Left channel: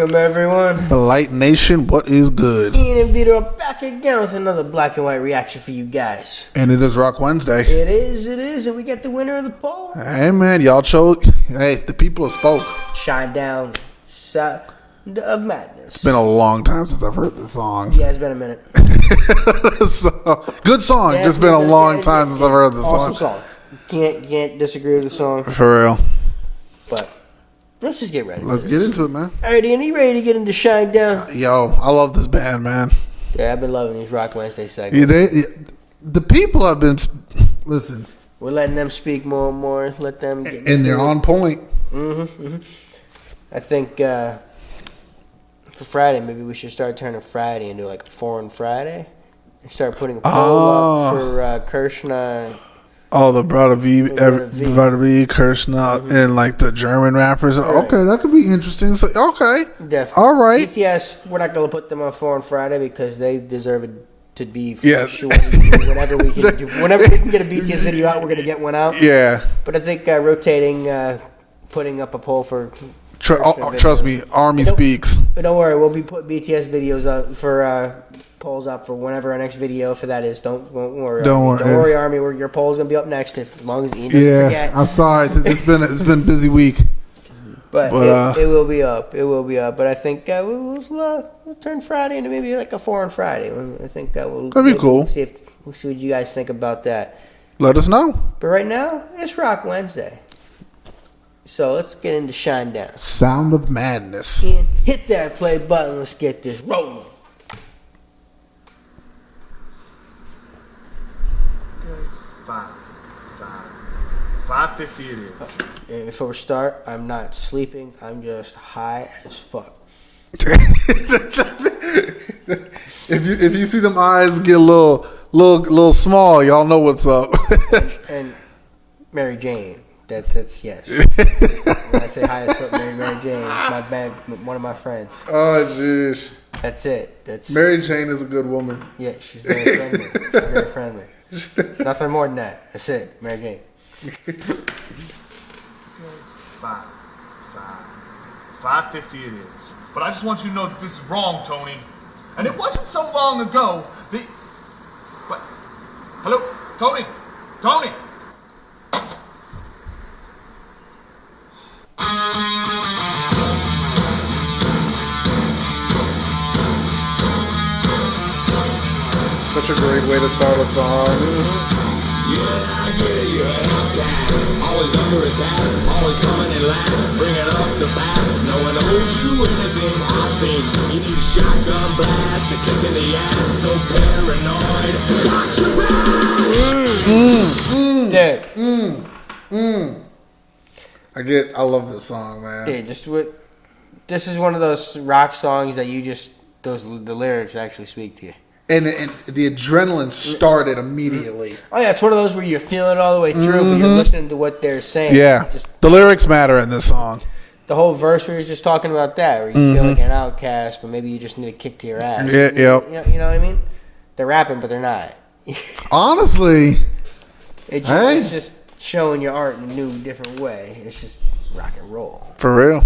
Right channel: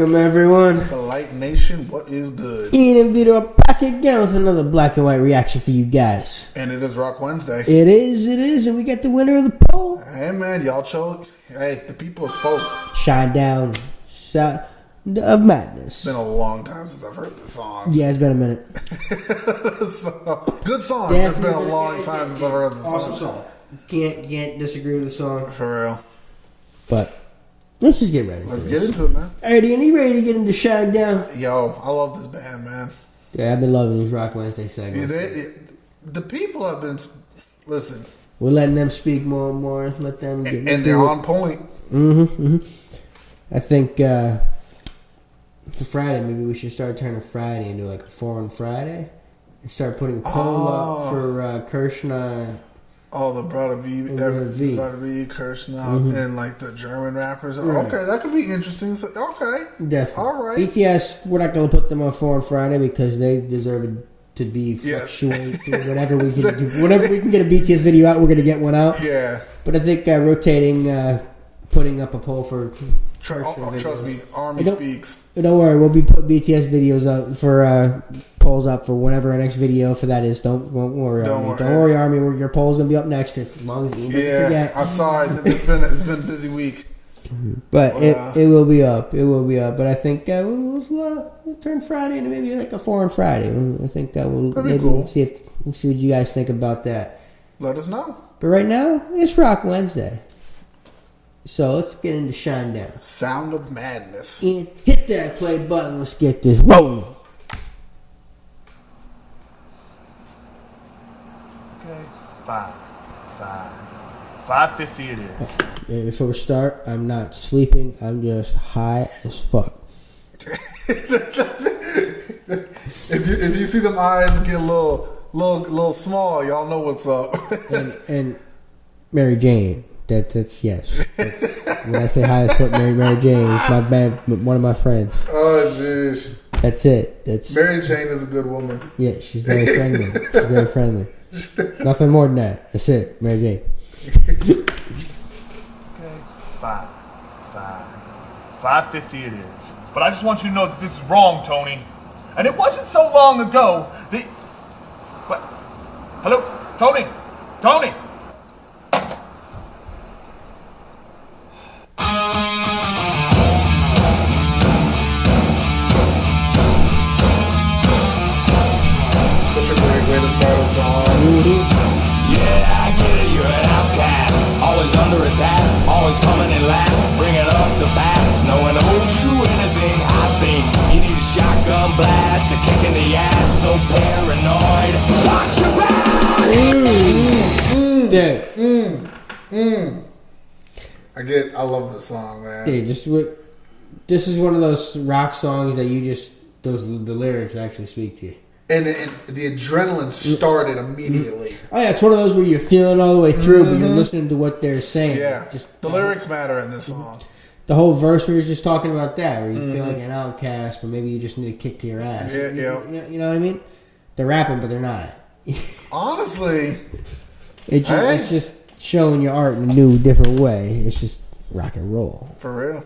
Welcome, everyone. Blite Nation, what is good? Ian and Vito are back again with another black and white reaction for you guys. And it is Rock Wednesday. It is, and we got the winner of the poll. Hey, man, y'all chose. Hey, the people have spoke. Shinedown, Sound of Madness. It's been a long time since I've heard this song. Yeah, it's been a minute. So, good song. Yeah, It's been a long time since I've heard this awesome song. Can't disagree with the song. For real. But let's just get ready. Let's get into it, man. All right, Ian, you ready to get into Shinedown? Yo, I love this band, man. Yeah, I've been loving these Rock Wednesday segments. The people have been. Listen. We're letting them speak more and more. Let them get And they're on point. I think for Friday, maybe we should start turning Friday into like a foreign Friday. And start putting a poll up for Kirshner. Oh, the Brother V, Kirshner, and like the German rappers. Right. Okay, that could be interesting. So, okay. Definitely. All right. BTS, we're not going to put them on foreign Friday because they deserve it to be fluctuating. Whatever we can do. Whenever we can get a BTS video out, we're going to get one out. Yeah. But I think rotating, putting up a poll for... trust me, Army speaks. Don't worry, we'll be putting BTS videos up for polls up for whenever our next video for that is. Don't worry. Don't worry, Army. Your poll's gonna be up next as long as Ian doesn't forget. I saw it. It's been a busy week, but it will be up. It will be up. But I think we'll turn Friday into maybe like a foreign Friday. I think that will. That'd be cool. We'll see what you guys think about that. Let us know. But right now, it's Rock Wednesday. So let's get into Shinedown. Sound of Madness. Ian, hit that play button. Let's get this rolling. Okay. 5:50 it is. And before we start, I'm not sleeping. I'm just high as fuck. if you see them eyes get a little small, y'all know what's up. and Mary Jane. That's yes. When I say hi as fuck, Mary Jane, one of my friends. Oh jeez. That's it. That's Mary Jane is a good woman. Yeah, she's very friendly. She's very friendly. Nothing more than that. That's it, Mary Jane. 5:50 it is. But I just want you to know that this is wrong, Tony. And it wasn't so long ago that. What? Hello, Tony. Tony. Such a great way to start a song. Yeah, I get it, you're an outcast. Always under attack, always coming in last. Bringing up the bass, no one owes you anything. I think you need a shotgun blast, a kick in the ass, so paranoid. Dude. I love this song, man. Dude, this is one of those rock songs that the lyrics actually speak to you. And the adrenaline started immediately. Oh yeah, it's one of those where you're feeling it all the way through, but you're listening to what they're saying. Yeah, the lyrics matter in this song. The whole verse where he's just talking about that, where you feel like an outcast, but maybe you just need a kick to your ass. Yeah, yep. You know what I mean? They're rapping, but they're not. Honestly, it's just showing your art in a new, different way. It's just rock and roll. For real.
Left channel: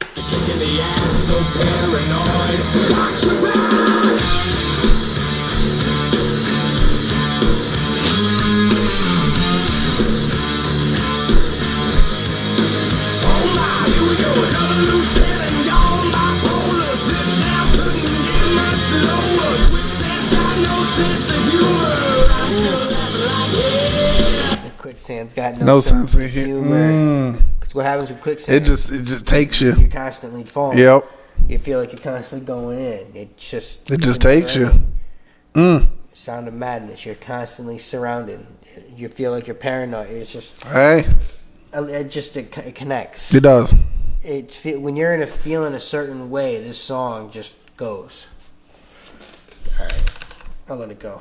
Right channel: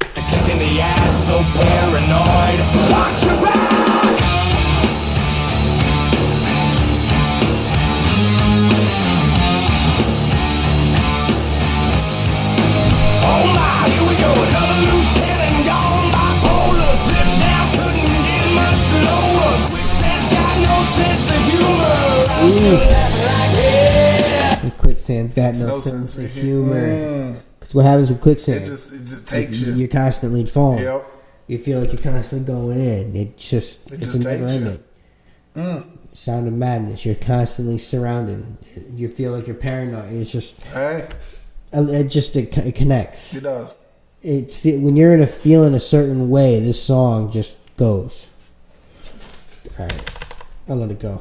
Kick in the ass, so paranoid. Watch your back. Quicksand's got no sense of humor. Because what happens with quicksand? It just takes you. You're constantly falling. Yep. You feel like you're constantly going in. It just takes you. Sound of Madness. You're constantly surrounded. You feel like you're paranoid. It's just it connects. It does. When you're feeling a certain way, this song just goes. All right, I'll let it go.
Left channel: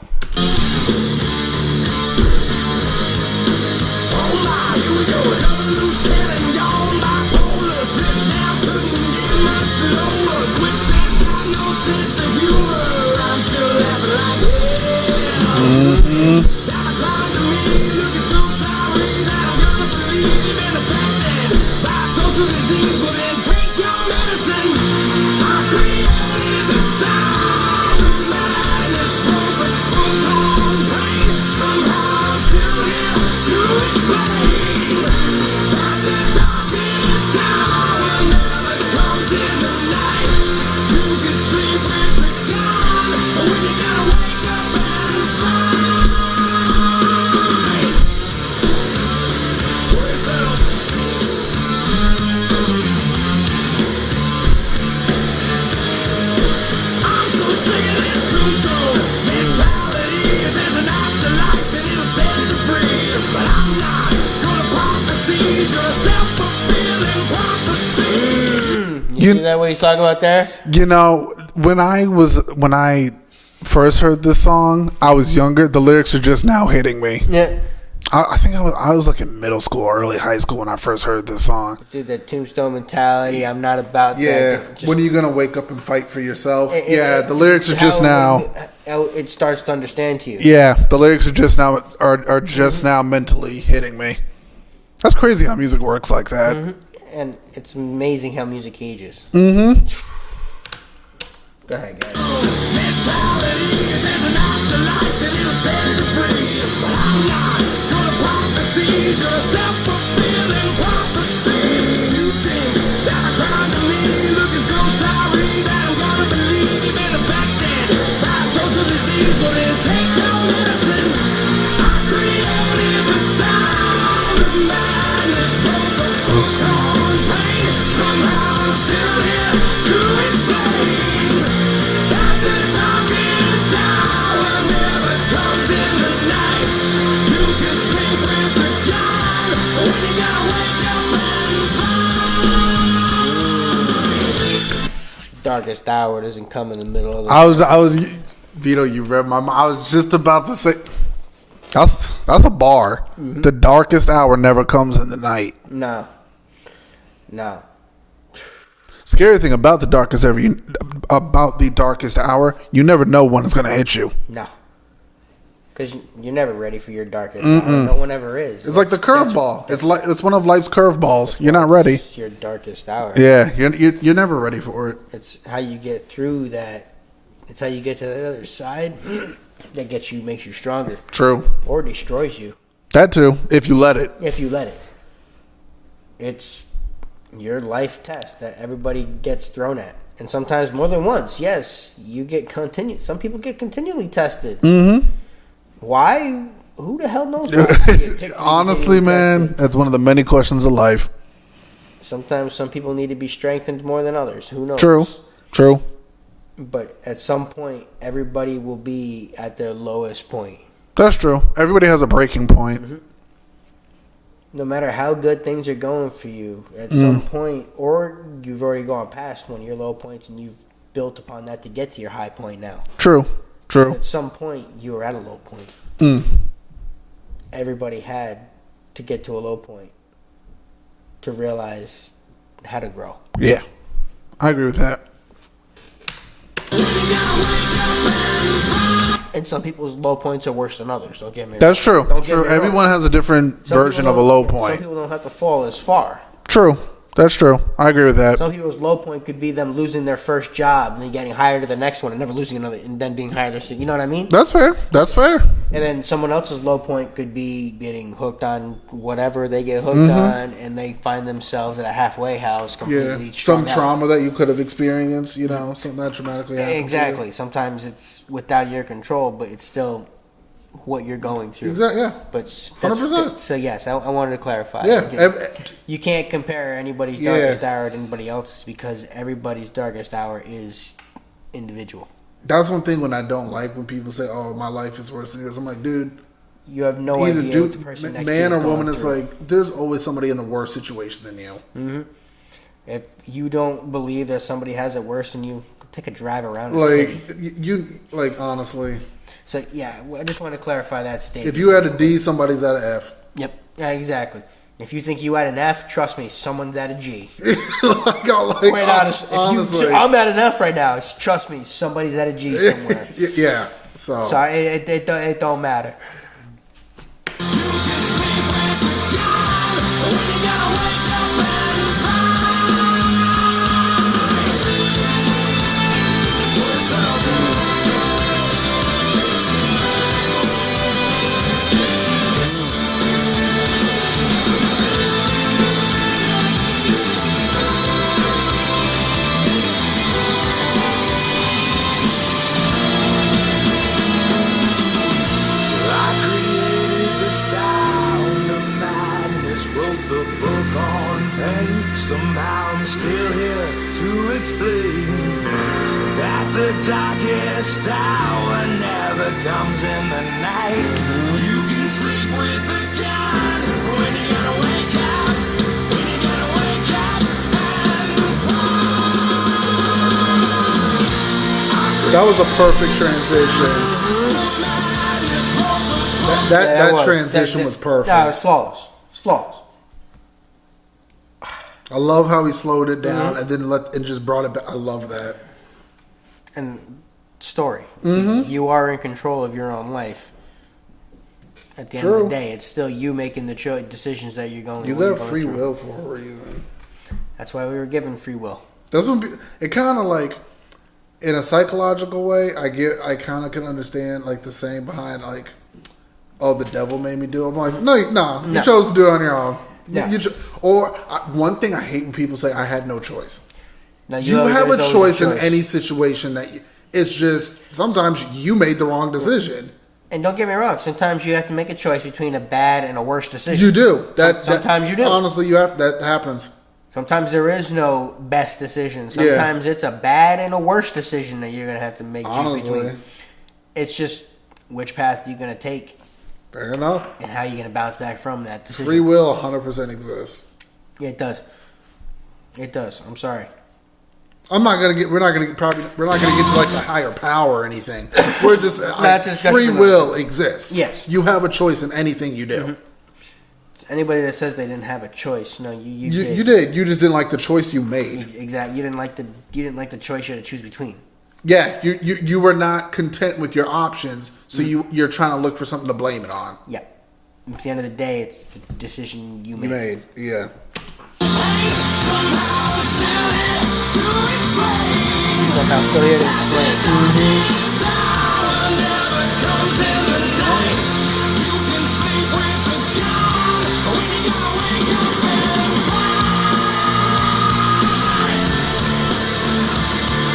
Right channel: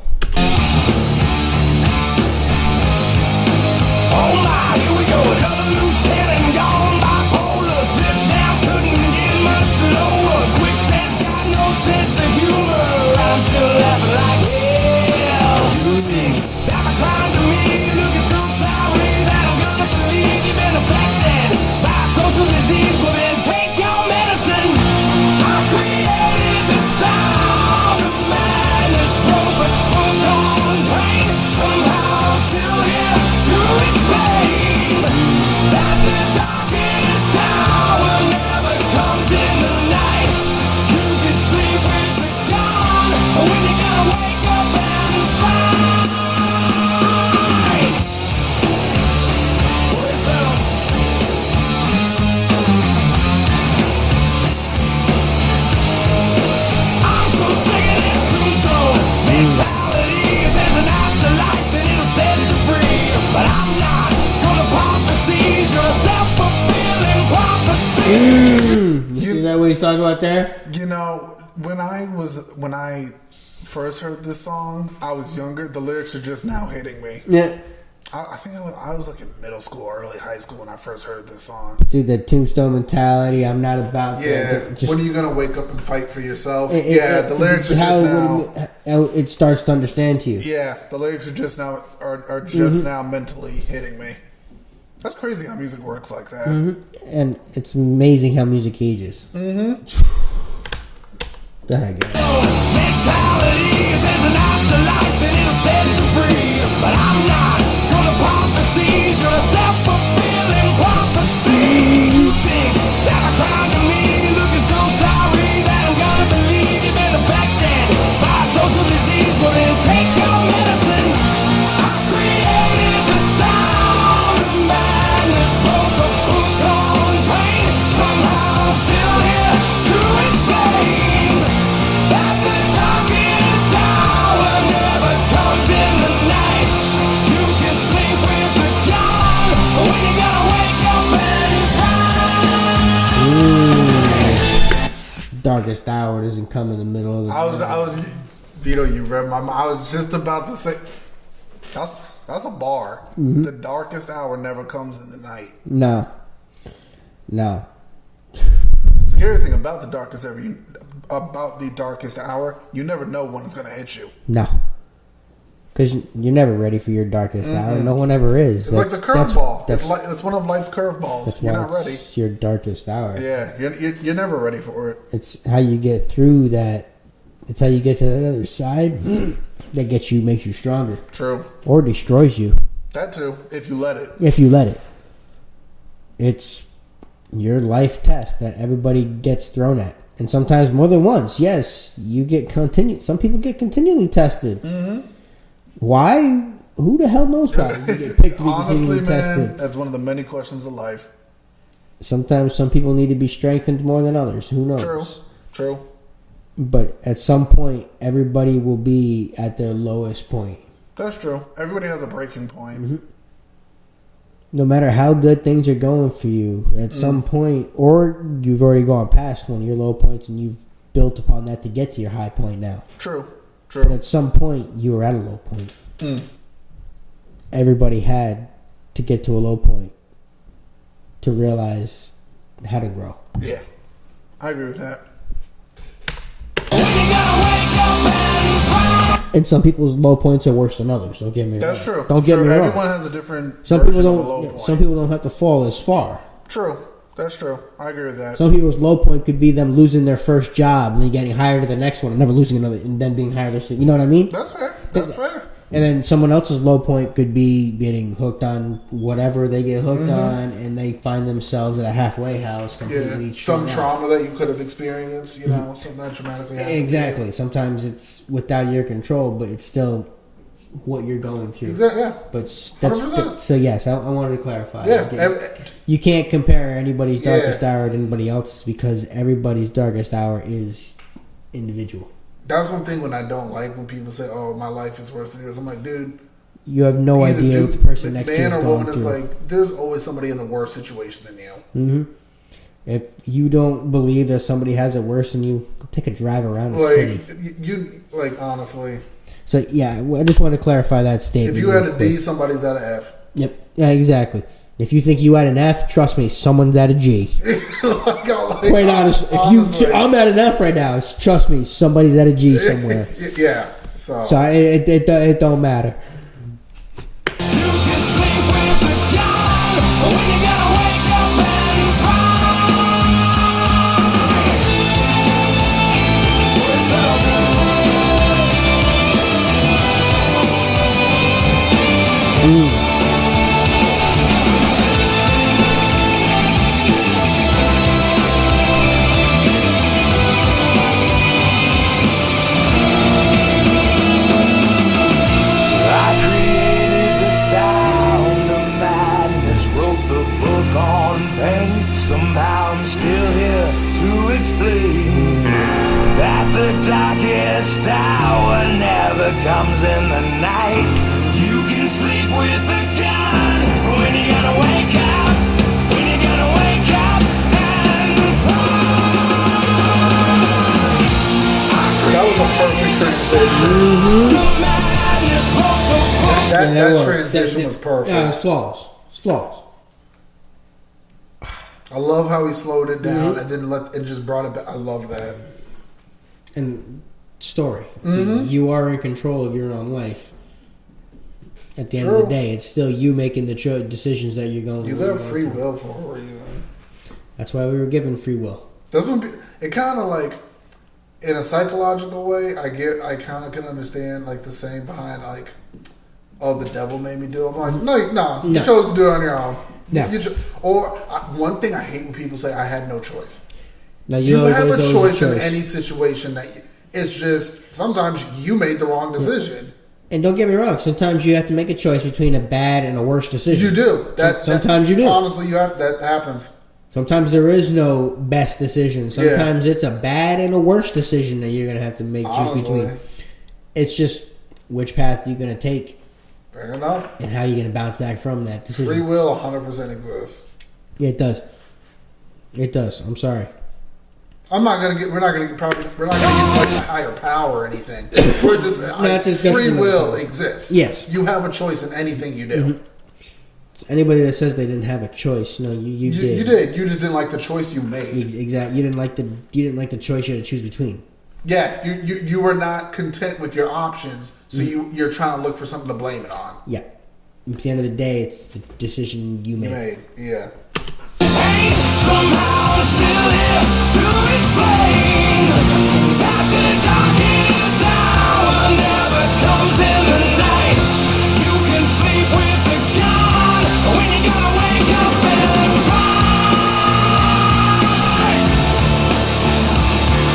that what he's talking about there? You know, when I first heard this song, I was younger. The lyrics are just now hitting me. Yeah. I think I was like in middle school, early high school when I first heard this song. Dude, the Tombstone mentality. I'm not about that. When are you gonna wake up and fight for yourself? The lyrics are just now. It starts to understand to you. Yeah, the lyrics are just now now mentally hitting me. That's crazy how music works like that. And it's amazing how music ages. Mm-hmm. Go ahead, guys. Mentality, there's an afterlife and it'll set you free. But I'm not gonna prophecies, you're a self-fulfilling prophecy. You think that I cried to me, looking so sorry that I'm gonna believe you've been affected by social disease. But it takes your medicine. I created the sound of madness, wrote the book on pain. Somehow I'm still here to explain that the darkest hour never comes in the night. You can sleep with the God when you gotta wake up and Darkest hour doesn't come in the middle of the I was Vito, you read my mind. I was just about to say that's a bar. The darkest hour never comes in the night. No. Scary thing about the darkest hour, you never know when it's gonna hit you. No. Because you're never ready for your darkest hour. No one ever is. It's like the curveball. It's one of life's curveballs. You're not ready. It's your darkest hour. Yeah, you're never ready for it. It's how you get through that. It's how you get to the other side that makes you stronger. True. Or destroys you. That too, if you let it. If you let it. It's your life test that everybody gets thrown at. And sometimes more than once. Yes, you get some people get continually tested. Mm-hmm. Why? Who the hell knows why? Honestly, man, that's one of the many questions of life. Sometimes some people need to be strengthened more than others. Who knows? True. But at some point, everybody will be at their lowest point. That's true. Everybody has a breaking point. Mm-hmm. No matter how good things are going for you, at some point, or you've already gone past one of your low points and you've built upon that to get to your high point now. True. But at some point, you were at a low point. Everybody had to get to a low point to realize how to grow. Yeah, I agree with that. And some people's low points are worse than others. Don't get me wrong. That's true. Don't get me wrong. Everyone has a different version of a low point. Some people don't have to fall as far. True. That's true. I agree with that. Some people's low point could be them losing their first job and then getting hired to the next one and never losing another and then being hired. You know what I mean? That's fair. And then someone else's low point could be getting hooked on whatever they get hooked on, and they find themselves at a halfway house completely. Some trauma that you could have experienced, something that traumatically happened. Exactly. Sometimes it's without your control, but it's still what you're going through. Exactly. Yeah. But so yes, I wanted to clarify. Yeah. You can't compare anybody's darkest hour to anybody else's because everybody's darkest hour is individual. That's one thing when I don't like when people say, "Oh, my life is worse than yours." I'm like, dude, you have no idea what the person next to you is going through. Man or woman is like, there's always somebody in a worse situation than you. Mm-hmm. If you don't believe that somebody has it worse than you, take a drive around the city. Honestly. So, yeah, I just want to clarify that statement. If you had a D, somebody's at an F. Yep. Yeah, exactly. If you think you had an F, trust me, someone's at a G. Quite honest. If I'm at an F right now. Trust me, somebody's at a G somewhere. Yeah. So it don't matter. Somehow I'm still here to explain that the darkest hour never comes in the night. You can sleep with the gun when you gotta wake up, and fall. perfect transition. That transition was perfect. Yeah, it's flawless. It's flawless. I love how he slowed it down and then just brought it back. I love that. And story. You are in control of your own life. At the end of the day, it's still you making the decisions that you're going. You got free will for a reason. That's why we were given free will. That's what it kind of like, in a psychological way. I kind of can understand like the saying behind like, "Oh, the devil made me do it." I'm like, no, you chose to do it on your own. Yeah. One thing I hate when people say, "I had no choice." Now You have a choice in any situation it's just sometimes you made the wrong decision. And don't get me wrong, sometimes you have to make a choice between a bad and a worse decision. You do. Sometimes you do. Honestly, that happens. Sometimes there is no best decision. Sometimes it's a bad and a worse decision that you're going to have to choose between. It's just which path you're going to take. Fair enough. And how you're going to bounce back from that decision. Free will 100% exists. Yeah, it does. It does. I'm sorry. We're not gonna get to like a higher power or anything. We're just free will exists. Yes, you have a choice in anything you do. Anybody that says they didn't have a choice, no, you did. You did. You just didn't like the choice you made. Exactly. You didn't like the choice you had to choose between. Yeah, you were not content with your options, so you're trying to look for something to blame it on. Yeah. At the end of the day, it's the decision you made. Yeah. Somehow still here to explain. Never comes in the night. You can sleep with the God when you gotta wake up and fight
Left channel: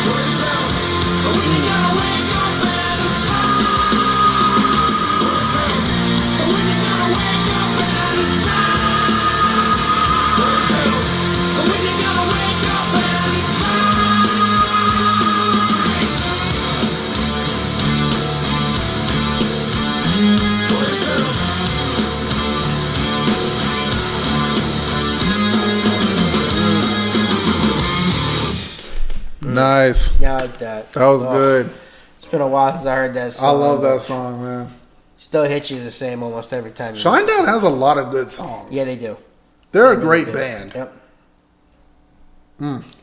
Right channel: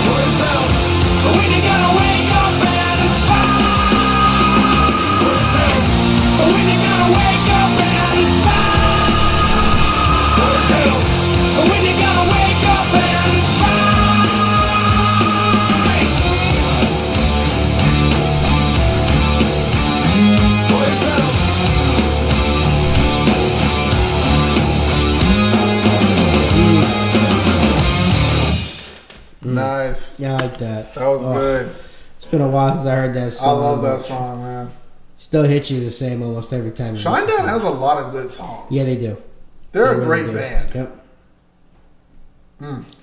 for yourself. When you gotta wake up and fight for yourself. When you gotta wake up and fight for yourself. When you gotta wake up and fight for yourself. Nice. Yeah, I like that. That was good. It's been a while since I heard that song. I love that song, man. Still hits you the same almost every time. Shinedown has a lot of good songs. Yeah, they do. They're a great band. Yep.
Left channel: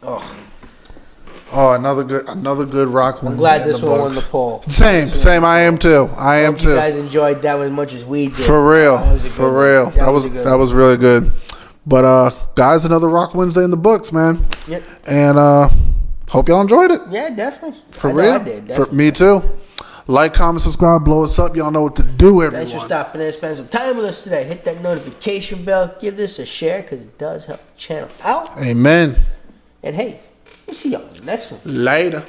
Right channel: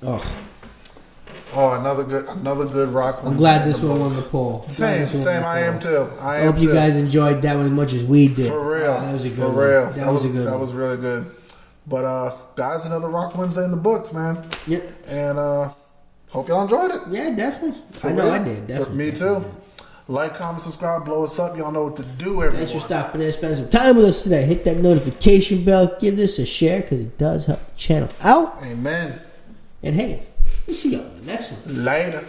Oh, another good rock. I'm glad this one won the poll. Same. I am too. I am too. You guys enjoyed that one as much as we did. For real. That was really good. But guys, another Rock Wednesday in the books, man. Yep. And hope y'all enjoyed it. Yeah, definitely. For real. I did. Definitely. For me too. Like, comment, subscribe, blow us up. Y'all know what to do, everyone. Thanks for stopping in, spending some time with us today. Hit that notification bell. Give this a share because it does help the channel out. Amen. And hey, we'll see y'all in the next one. Later.